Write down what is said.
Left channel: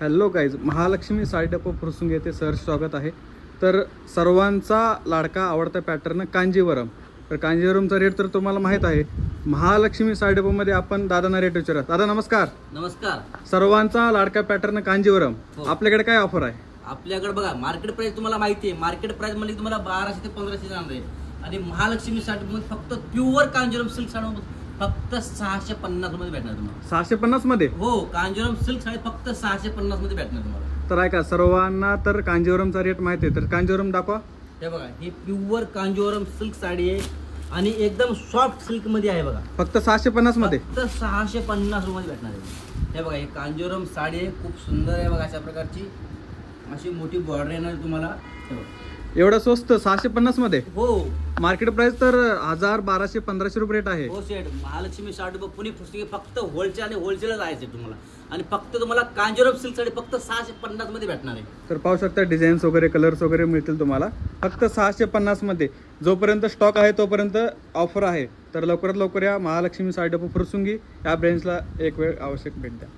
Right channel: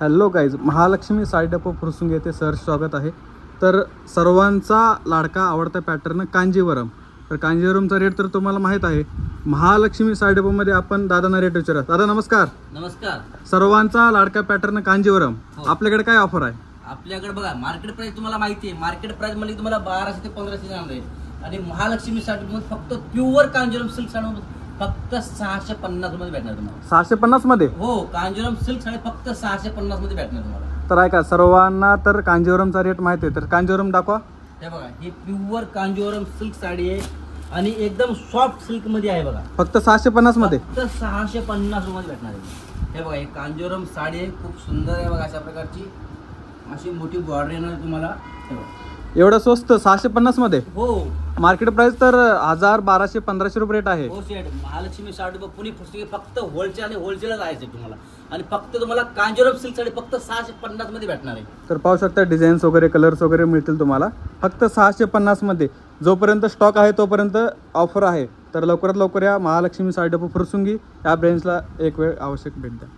Hello guys, Mahalakshmi sari depot Fursungi येथे सहर्ष स्वागत आहे. तर सर्वांचा लाडका आवडता पॅटर्न कांजीवरम. तर कांजीवरमचा रेट तर तुम्हाला माहीत आहे. महालक्ष्मी साडी डेपोमध्ये आपण दादांना रेट विचारत. दादा नमस्कार. नमस्कार. सर्वांचा लाडका पॅटर्न कांजीवरम, आपल्याकडे काय ऑफर आहे? आपल्याकडे बघा, मार्केट प्राइस तुम्हाला माहिती आहे. मार्केट प्राइस म्हणजे तुम्हाला 1200 ते 1500 जाणार आहे. आणि महालक्ष्मी साडी मध्ये फक्त प्युअर कांजीवरम सिल्क साडी फक्त 650 मध्ये भेटणार तुम्हाला. 650 मध्ये? हो, कांजीवरम सिल्क साडी फक्त 650 मध्ये भेटणार तुम्हाला. तर ऐका, सर्वांना तर कांजीवरमचा रेट माहिती आहे, तर कांजीवरम दाखवा. हे बघा, ही प्युअर कांजीवरम सिल्क साडी आहे आणि एकदम सॉफ्ट सिल्क मध्ये आहे बघा. फक्त 650 मध्ये? फक्त 650 मध्ये भेटणार आहे. हे बघा, ही कांजीवरम साडी आहे, खूप सुंदर आहे बघा. अशा प्रकारची अशी मोठी बॉर्डर येणार तुम्हाला. एवढं स्वस्त 650 मध्ये? हो. मार्केट प्राइस तर 1000, 1200, 1500 रुपये रेट आहे. हो सेट. महालक्ष्मी साडी पुणे पुस्तके फक्त होलसेल आणि होलसेलच आहे तुम्हाला. आणि फक्त तुम्हाला कांजीवरम सिल्क साडी फक्त 650 मध्ये भेटणार आहे. तर पाहू शकता, डिझाईन्स वगैरे, कलर्स वगैरे मिळतील तुम्हाला फक्त 650 मध्ये. जोपर्यंत स्टॉक आहे तोपर्यंत ऑफर आहे. तर लवकरात लवकर या महालक्ष्मी साडी डेपो फुरसुंगी या ब्रँचला एक वेळ आवश्यक भेट द्या.